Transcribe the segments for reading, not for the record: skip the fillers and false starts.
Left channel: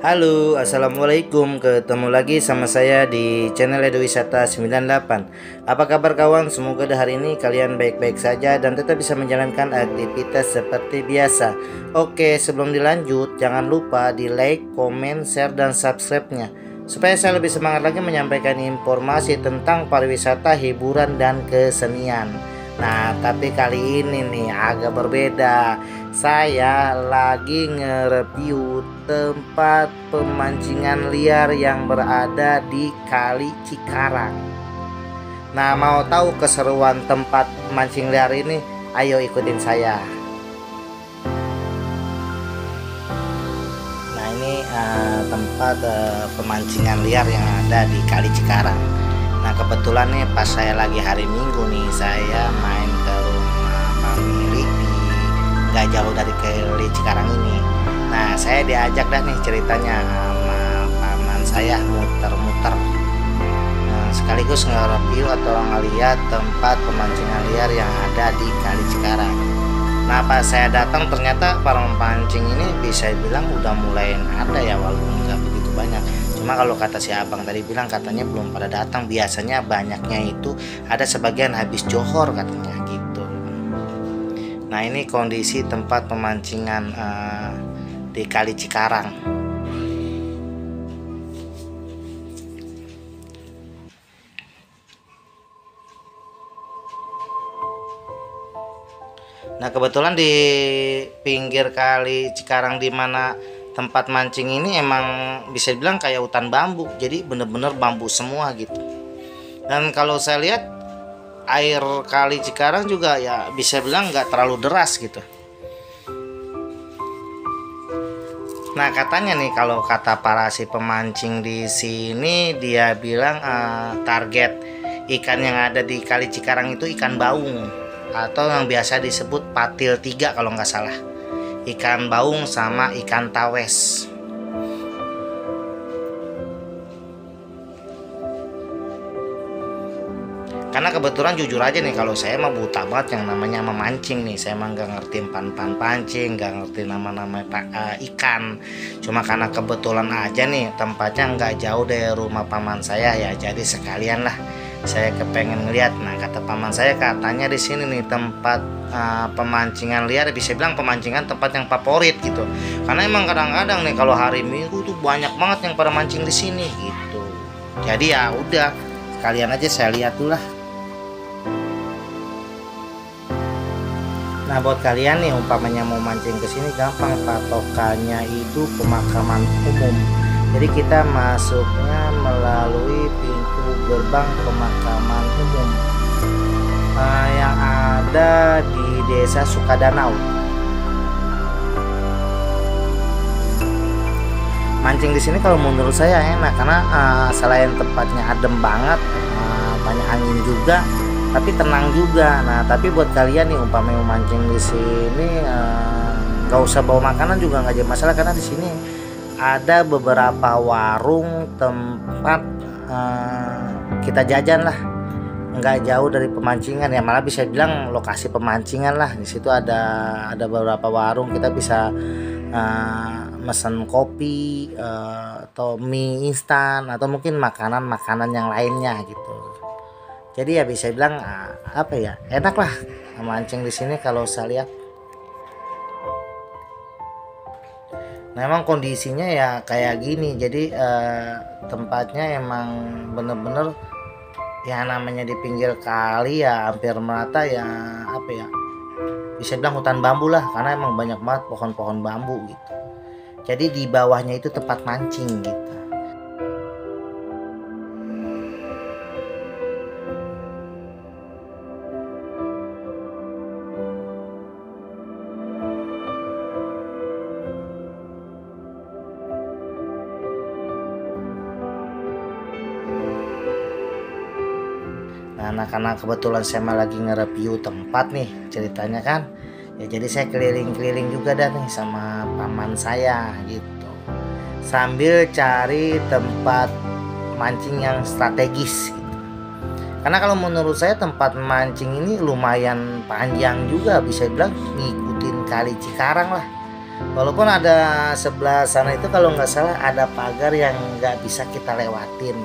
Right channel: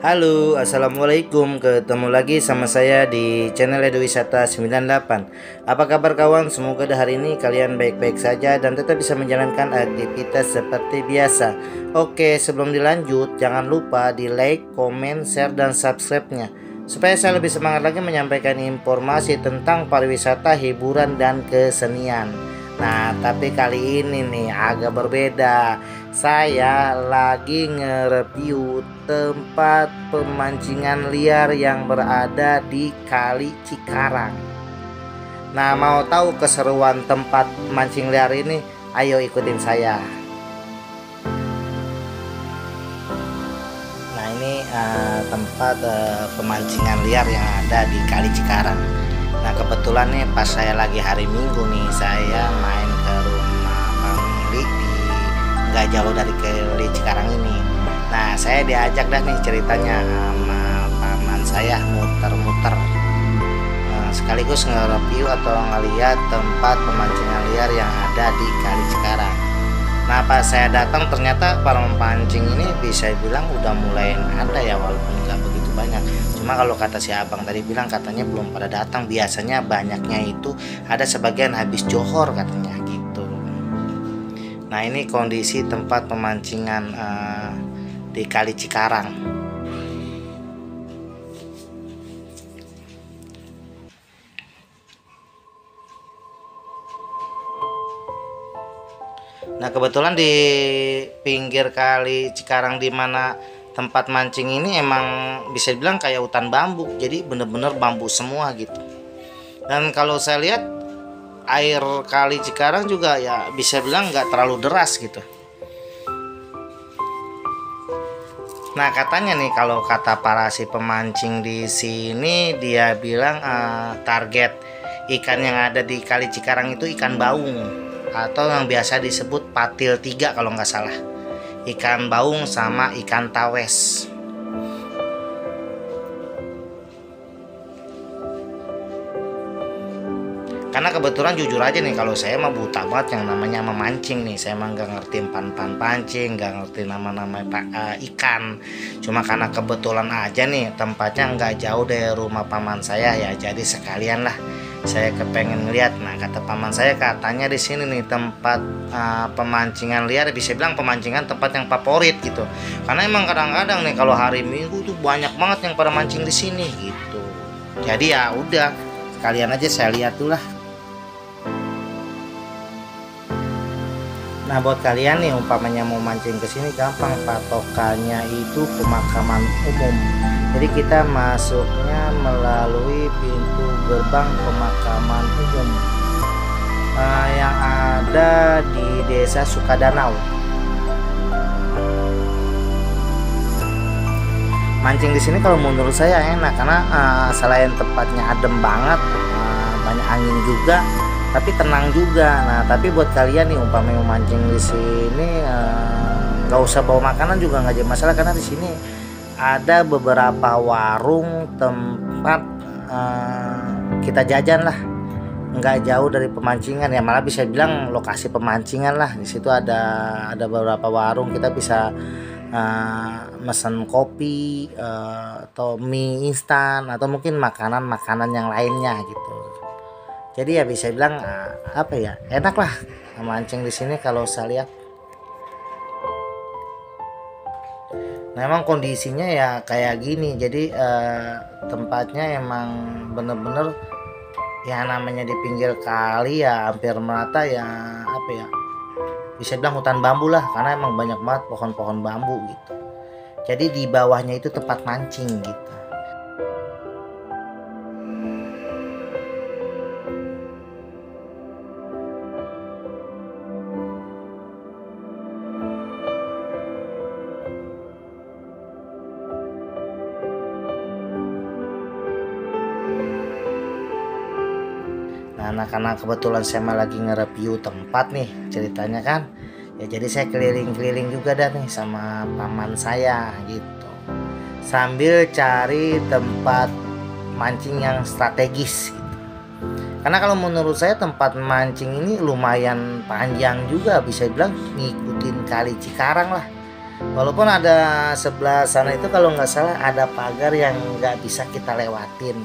Halo, assalamualaikum. Ketemu lagi sama saya di channel Edo Wisata 98. Apa kabar kawan? Semoga hari ini kalian baik-baik saja dan tetap bisa menjalankan aktivitas seperti biasa. Oke, sebelum dilanjut, jangan lupa di like, komen, share, dan subscribe-nya supaya saya lebih semangat lagi menyampaikan informasi tentang pariwisata, hiburan, dan kesenian. Nah, tapi kali ini nih agak berbeda. Saya lagi nge-review tempat pemancingan liar yang berada di Kali Cikarang. Nah, mau tahu keseruan tempat mancing liar ini? Ayo ikutin saya. Nah, ini tempat pemancingan liar yang ada di Kali Cikarang. Nah, kebetulan nih pas saya lagi hari Minggu nih, saya main ke rumah family di nggak jauh dari Kali Cikarang ini. Nah, saya diajak dah nih ceritanya sama paman saya muter-muter, sekaligus nge-review atau ngeliat tempat pemancingan liar yang ada di Kali Cikarang. Nah, pas saya datang ternyata para pemancing ini bisa bilang udah mulai ada ya, walaupun nggak begitu banyak. Cuma kalau kata si abang tadi bilang katanya belum pada datang. Biasanya banyaknya itu ada sebagian habis johor katanya gitu. Nah, ini kondisi tempat pemancingan di Kali Cikarang. Nah, kebetulan di pinggir Kali Cikarang di mana tempat mancing ini emang bisa dibilang kayak hutan bambu. Jadi bener-bener bambu semua gitu. Dan kalau saya lihat air Kali Cikarang juga ya bisa bilang nggak terlalu deras gitu. Nah, katanya nih kalau kata para si pemancing di sini dia bilang target ikan yang ada di Kali Cikarang itu ikan baung atau yang biasa disebut patil 3 kalau nggak salah. Ikan baung sama ikan tawes. Karena kebetulan jujur aja nih, kalau saya mah buta banget yang namanya memancing nih. Saya mah nggak ngerti pan-pan pancing, nggak ngerti nama-nama ikan. Cuma karena kebetulan aja nih tempatnya nggak jauh dari rumah paman saya ya, jadi sekalian lah saya kepengen ngeliat. Nah, kata paman saya katanya di sini nih tempat pemancingan liar, bisa bilang pemancingan tempat yang favorit gitu. Karena emang kadang-kadang nih kalau hari Minggu tuh banyak banget yang pada mancing di sini gitu. Jadi ya udah, sekalian aja saya lihat tuh lah. Nah, buat kalian nih umpamanya mau mancing ke sini gampang, patokannya itu pemakaman umum. Jadi kita masuknya melalui pintu gerbang pemakaman umum yang ada di Desa Sukadanau. Mancing di sini kalau menurut saya enak karena selain tempatnya adem banget, banyak angin juga, tapi tenang juga. Nah, tapi buat kalian nih umpamanya mau mancing di sini nggak usah bawa makanan juga nggak jadi masalah, karena di sini ada beberapa warung tempat kita jajan lah, nggak jauh dari pemancingan ya, malah bisa bilang lokasi pemancingan lah. Di situ ada beberapa warung kita bisa mesen kopi atau mie instan atau mungkin makanan-makanan yang lainnya gitu. Jadi ya bisa bilang apa ya, enak lah mancing di sini kalau saya lihat. Nah, emang kondisinya ya kayak gini. Jadi tempatnya emang bener-bener ya namanya di pinggir kali ya, hampir merata ya, apa ya, bisa bilang hutan bambu lah, karena emang banyak banget pohon-pohon bambu gitu. Jadi di bawahnya itu tempat mancing gitu. Nah, karena kebetulan saya mah lagi nge-review tempat nih ceritanya kan, ya jadi saya keliling-keliling juga dah nih sama paman saya gitu, sambil cari tempat mancing yang strategis gitu. Karena kalau menurut saya tempat mancing ini lumayan panjang juga, bisa bilang ngikutin Kali Cikarang lah. Walaupun ada sebelah sana itu kalau nggak salah ada pagar yang nggak bisa kita lewatin.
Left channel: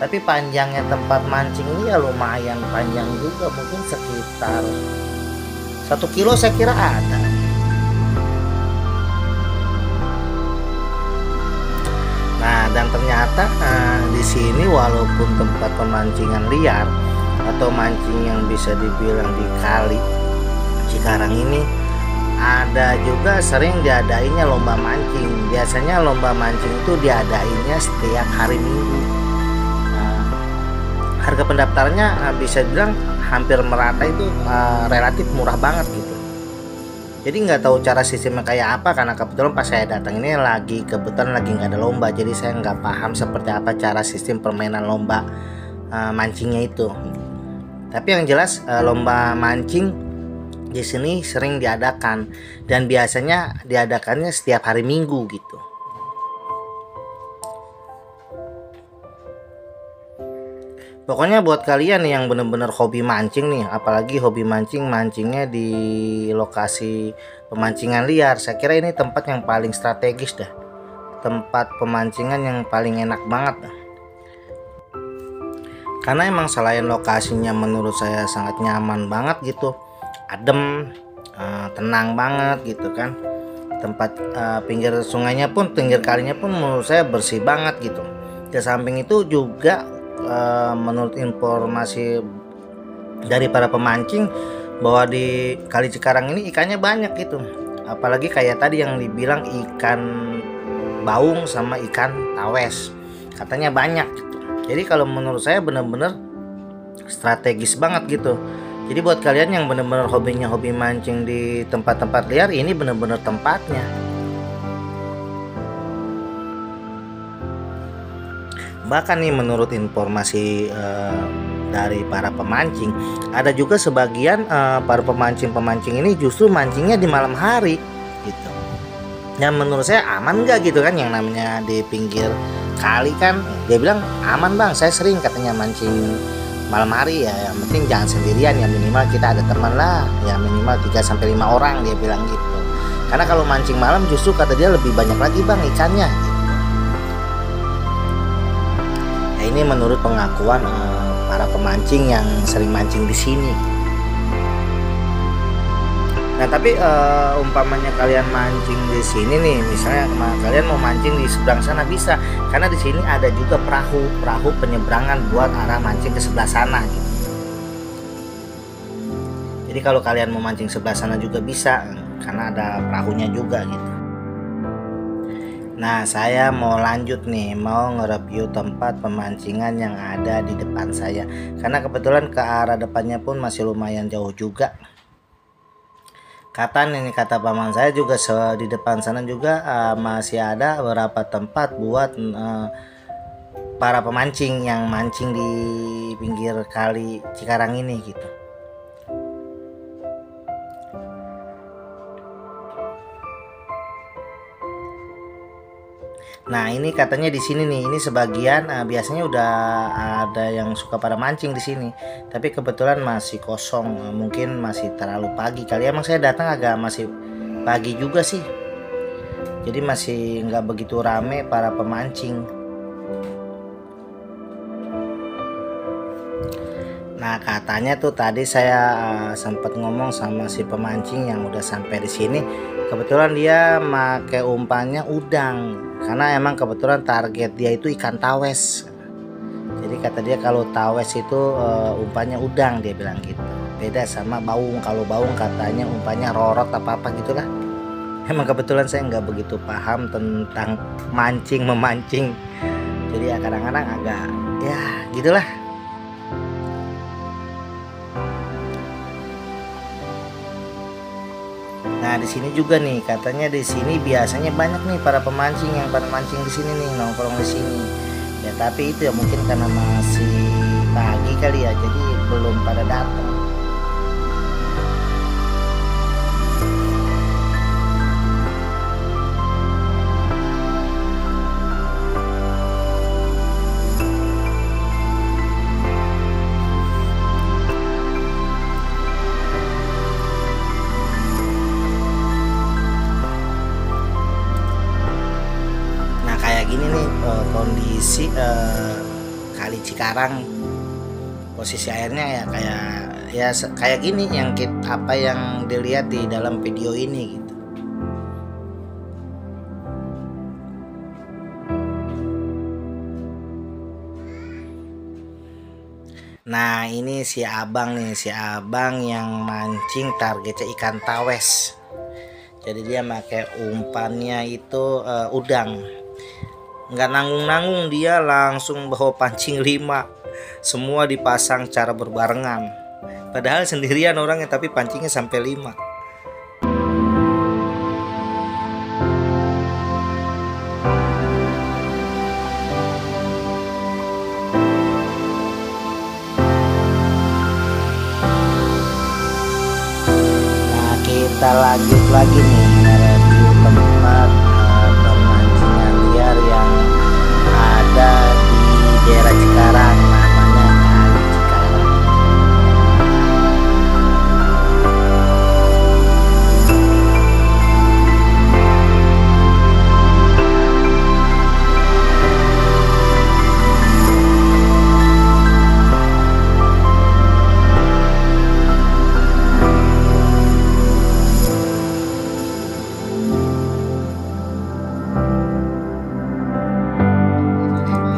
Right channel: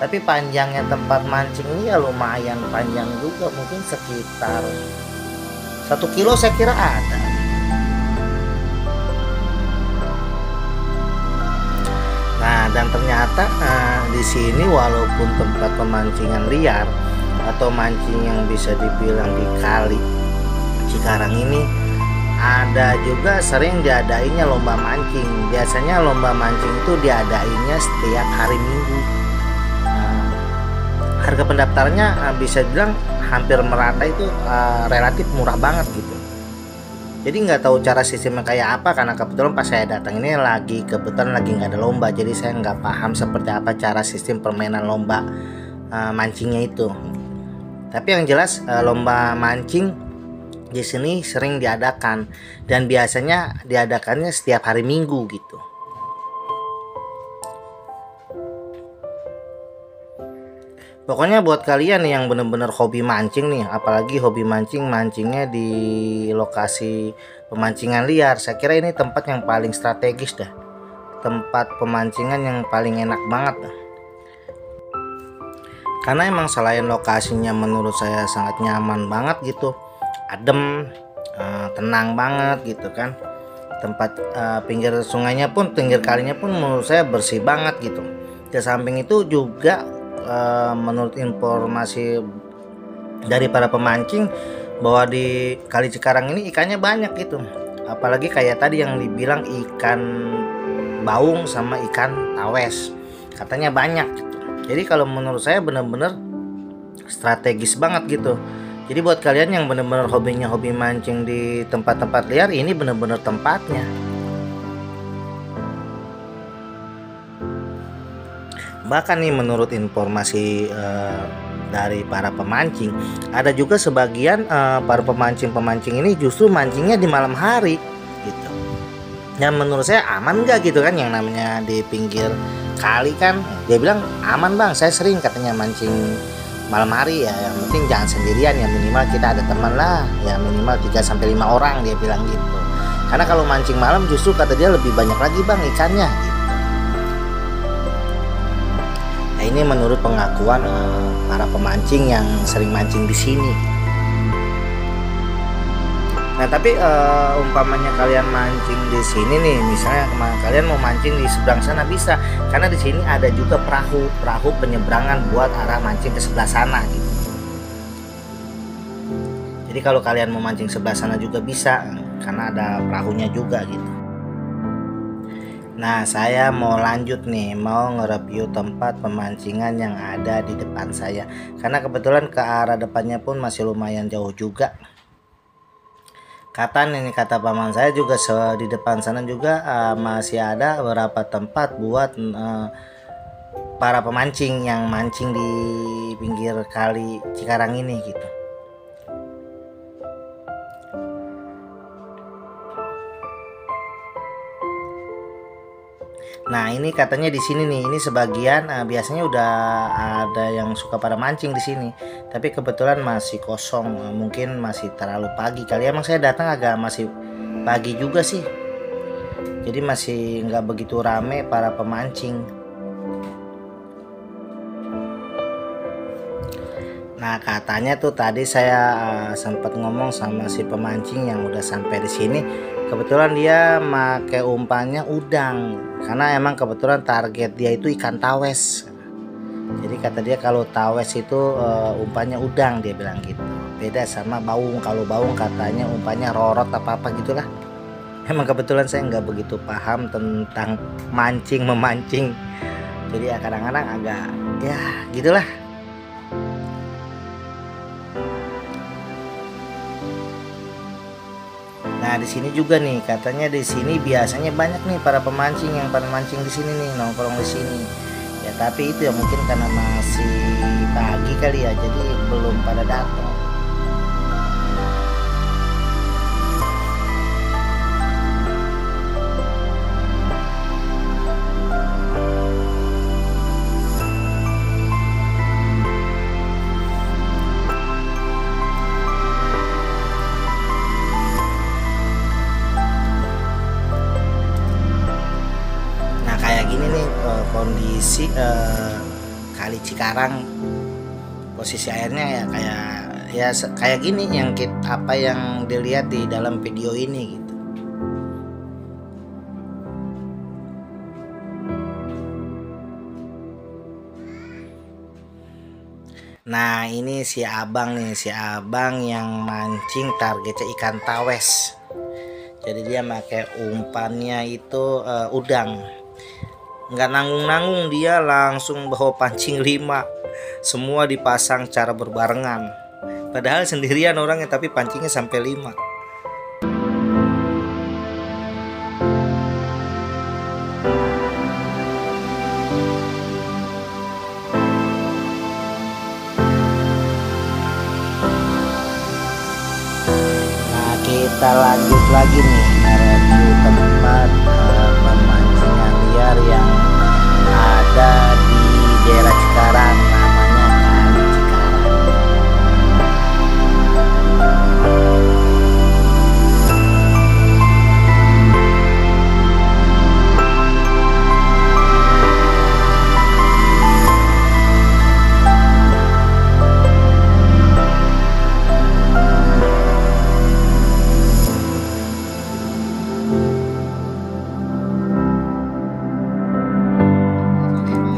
Tapi panjangnya tempat mancing ini ya lumayan panjang juga, mungkin sekitar 1 kilo saya kira ada. Nah, dan ternyata di sini walaupun tempat pemancingan liar atau mancing yang bisa dibilang di Kali Cikarang ini, ada juga sering diadainnya lomba mancing. Biasanya lomba mancing itu diadainnya setiap hari Minggu. Harga pendaftarnya bisa bilang hampir merata, itu relatif murah banget gitu. Jadi nggak tahu cara sistemnya kayak apa, karena kebetulan pas saya datang ini kebetulan lagi nggak ada lomba, jadi saya nggak paham seperti apa cara sistem permainan lomba mancingnya itu. Tapi yang jelas lomba mancing di sini sering diadakan, dan biasanya diadakannya setiap hari Minggu gitu. Pokoknya buat kalian yang bener-bener hobi mancing nih, apalagi hobi mancingnya di lokasi pemancingan liar, saya kira ini tempat yang paling strategis dah. Tempat pemancingan yang paling enak banget dah. Karena emang selain lokasinya menurut saya sangat nyaman banget gitu, adem, tenang banget gitu kan. Tempat pinggir sungainya pun, pinggir kalinya pun menurut saya bersih banget gitu. Di samping itu juga menurut informasi dari para pemancing bahwa di Kali Cikarang ini ikannya banyak gitu, apalagi kayak tadi yang dibilang ikan baung sama ikan tawes, katanya banyak gitu. Jadi kalau menurut saya bener-bener strategis banget gitu. Jadi buat kalian yang bener-bener hobi mancing di tempat-tempat liar, ini bener-bener tempatnya. Bahkan nih menurut informasi dari para pemancing, ada juga sebagian para pemancing ini justru mancingnya di malam hari gitu. Ya menurut saya aman nggak gitu kan, yang namanya di pinggir kali kan, dia bilang aman bang, saya sering katanya mancing malam hari ya, yang penting jangan sendirian, ya minimal kita ada teman lah, ya minimal 3-5 orang, dia bilang gitu. Karena kalau mancing malam justru kata dia lebih banyak lagi bang ikannya gitu. Nah, ini menurut pengakuan para pemancing yang sering mancing di sini. Nah, tapi umpamanya kalian mancing di sini nih, misalnya kalian mau mancing di seberang sana bisa, karena di sini ada juga perahu penyeberangan buat arah mancing ke sebelah sana gitu. Jadi kalau kalian mau mancing sebelah sana juga bisa, karena ada perahunya juga gitu. Nah, saya mau lanjut nih, mau nge-review tempat pemancingan yang ada di depan saya. Karena kebetulan ke arah depannya pun masih lumayan jauh juga. Kata paman saya juga di depan sana juga masih ada beberapa tempat buat para pemancing yang mancing di pinggir Kali Cikarang ini gitu. Nah, ini katanya di sini nih, ini sebagian biasanya udah ada yang suka pada mancing di sini, tapi kebetulan masih kosong, mungkin masih terlalu pagi kali. Emang saya datang agak masih pagi juga sih, jadi masih nggak begitu rame para pemancing. Nah, katanya tuh tadi saya sempat ngomong sama si pemancing yang udah sampai di sini. Kebetulan dia pakai umpannya udang, karena emang kebetulan target dia itu ikan tawes. Jadi kata dia kalau tawes itu umpannya udang, dia bilang gitu. Beda sama baung. Kalau baung katanya umpannya rorot apa gitulah. Emang kebetulan saya nggak begitu paham tentang memancing. Jadi ya kadang-kadang agak ya gitulah. Nah, di sini juga nih, katanya di sini biasanya banyak nih para pemancing yang pada mancing di sini nih, nongkrong di sini. Ya, tapi itu ya mungkin karena masih pagi kali ya, jadi belum pada datang. gini nih kondisi Kali Cikarang, posisi airnya ya kayak gini yang apa yang dilihat di dalam video ini gitu. Nah ini si abang yang mancing targetnya ikan tawes. Jadi dia pakai umpannya itu udang. Nggak nanggung-nanggung, dia langsung bawa pancing 5. Semua dipasang cara berbarengan. Padahal sendirian orangnya tapi pancingnya sampai 5. Kita lanjut lagi nih nge-review tempat pemancingan liar yang ada di daerah Cikarang, namanya Kali Cikarang.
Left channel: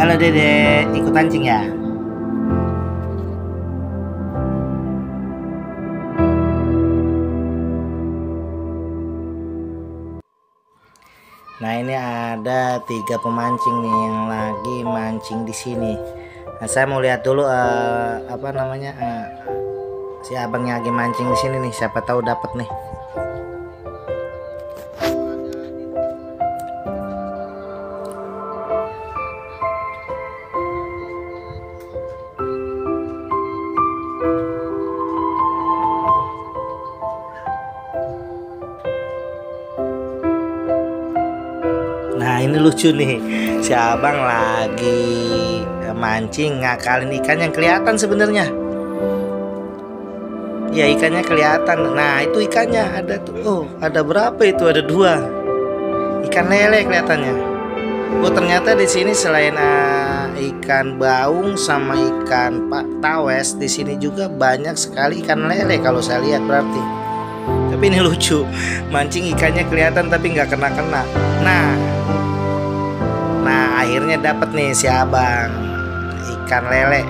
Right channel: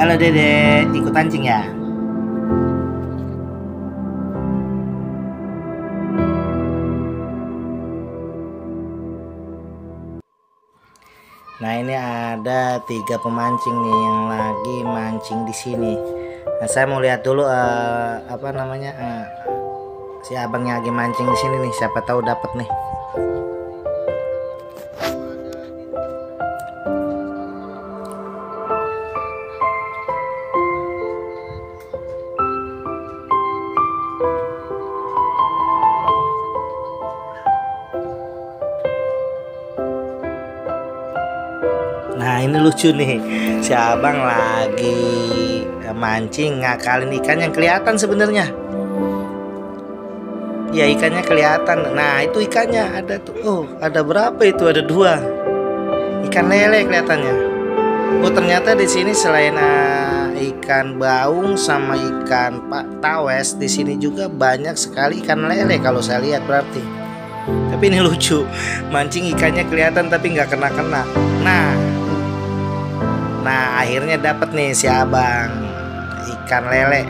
Halo Dede, ikut pancing ya? Nah ini ada 3 pemancing nih yang lagi mancing di sini. Nah saya mau lihat dulu apa namanya si abangnya lagi mancing di sini nih, siapa tahu dapat nih. Nah ini lucu nih, si abang lagi mancing ngakalin ikan yang kelihatan sebenarnya. Ya ikannya kelihatan. Nah itu ikannya ada tuh. Oh ada berapa itu? Ada 2 ikan lele kelihatannya. Oh ternyata di sini selain ikan baung sama ikan tawes, di sini juga banyak sekali ikan lele kalau saya lihat berarti. Tapi ini lucu, mancing ikannya kelihatan tapi nggak kena-kena. Nah akhirnya dapat nih si abang ikan lele.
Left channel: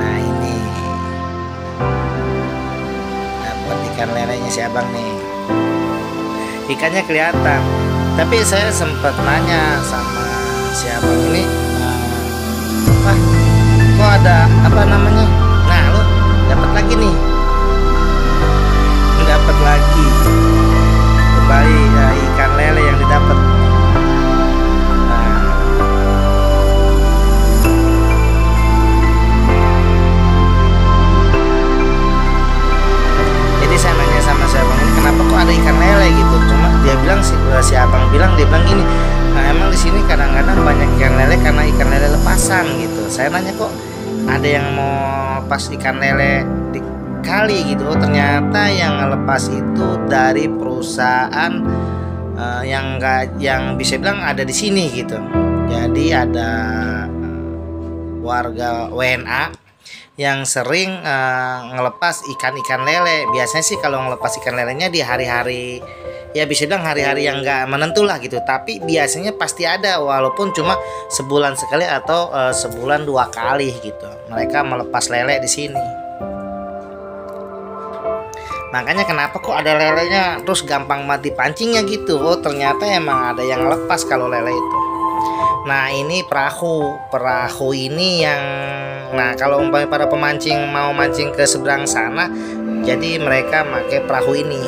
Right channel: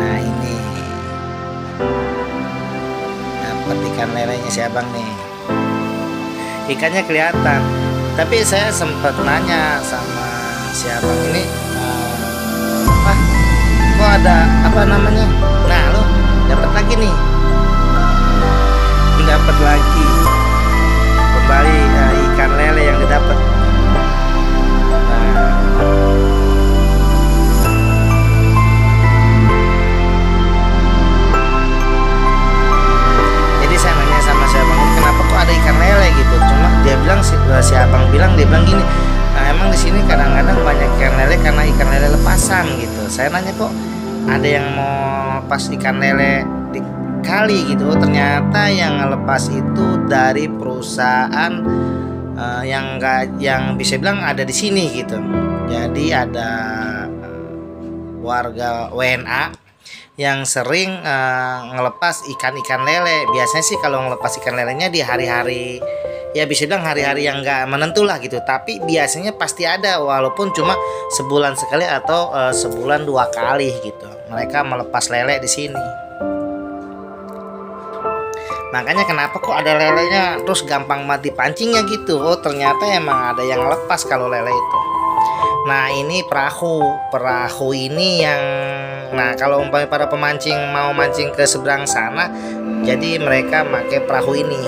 Nah ini dapat ikan lelenya si abang nih. Ikannya kelihatan. Tapi saya sempat nanya sama si abang ini, Pak, kok ada apa namanya? Nah lo dapat lagi nih. Dapat lagi. Kembali ikan lele yang didapat. Nah, jadi saya nanya sama si abang ini, kenapa kok ada ikan lele gitu? Cuma dia bilang si abang bilang gini, nah, emang di sini kadang-kadang banyak ikan lele karena ikan lele lepasan gitu. Saya nanya kok ada yang mau lepas ikan lele di kali gitu. Oh, ternyata yang lepas itu dari perusahaan yang bisa bilang ada di sini gitu. Jadi ada warga WNA yang sering ngelepas ikan-ikan lele. Biasanya sih kalau ngelepas ikan lelenya di hari-hari, ya bisa bilang hari-hari yang nggak menentu lah gitu. Tapi biasanya pasti ada, walaupun cuma sebulan sekali atau sebulan 2 kali gitu. Mereka melepas lele di sini. Makanya kenapa kok ada lelenya terus gampang mati pancingnya gitu. Oh ternyata emang ada yang lepas kalau lele itu. Nah ini perahu ini yang, nah kalau umpamanya para pemancing mau mancing ke seberang sana, jadi mereka pakai perahu ini.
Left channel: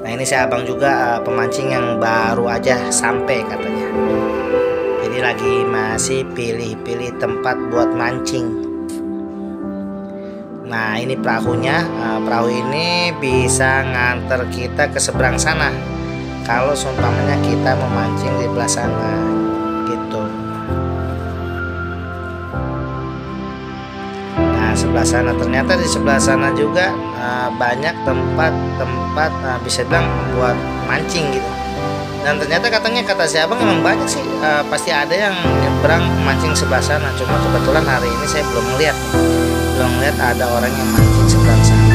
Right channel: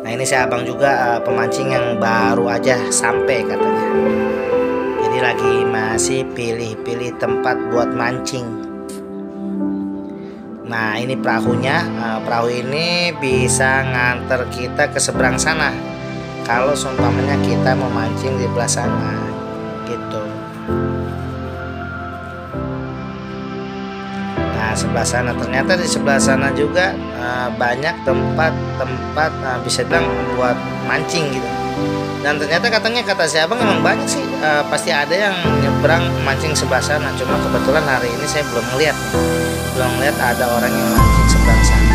Nah ini saya abang juga pemancing yang baru aja sampai katanya. Jadi lagi masih pilih-pilih tempat buat mancing. Nah ini perahunya, perahu ini bisa nganter kita ke seberang sana kalau seumpamanya kita memancing di belah sana gitu. Nah, sebelah sana ternyata di sebelah sana juga banyak tempat-tempat bisa bilang buat mancing gitu. Dan ternyata kata si abang emang banyak sih, pasti ada yang nyebrang mancing sebelah sana. Cuma kebetulan hari ini saya belum ngeliat nih, belum ngeliat ada orang yang mancing sebelah sana.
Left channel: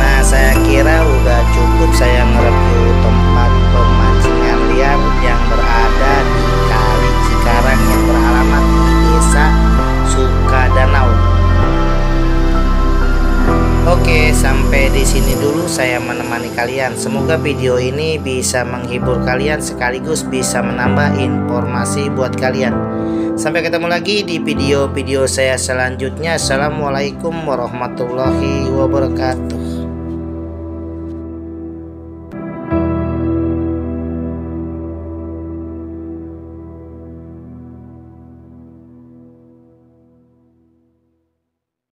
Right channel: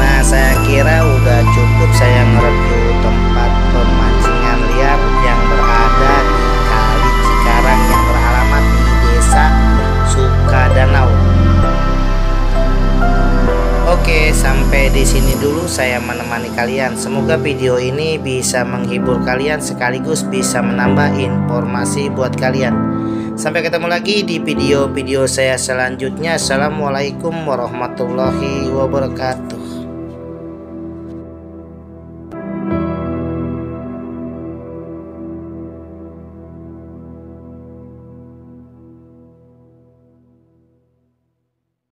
Nah, saya kira udah cukup saya nge-review tempat pemancingan liar yang berada di Kali Cikarang yang beralamat di Desa Sukadanau. Oke, sampai di sini dulu saya menemani kalian. Semoga video ini bisa menghibur kalian sekaligus bisa menambah informasi buat kalian. Sampai ketemu lagi di video-video saya selanjutnya. Assalamualaikum warahmatullahi wabarakatuh.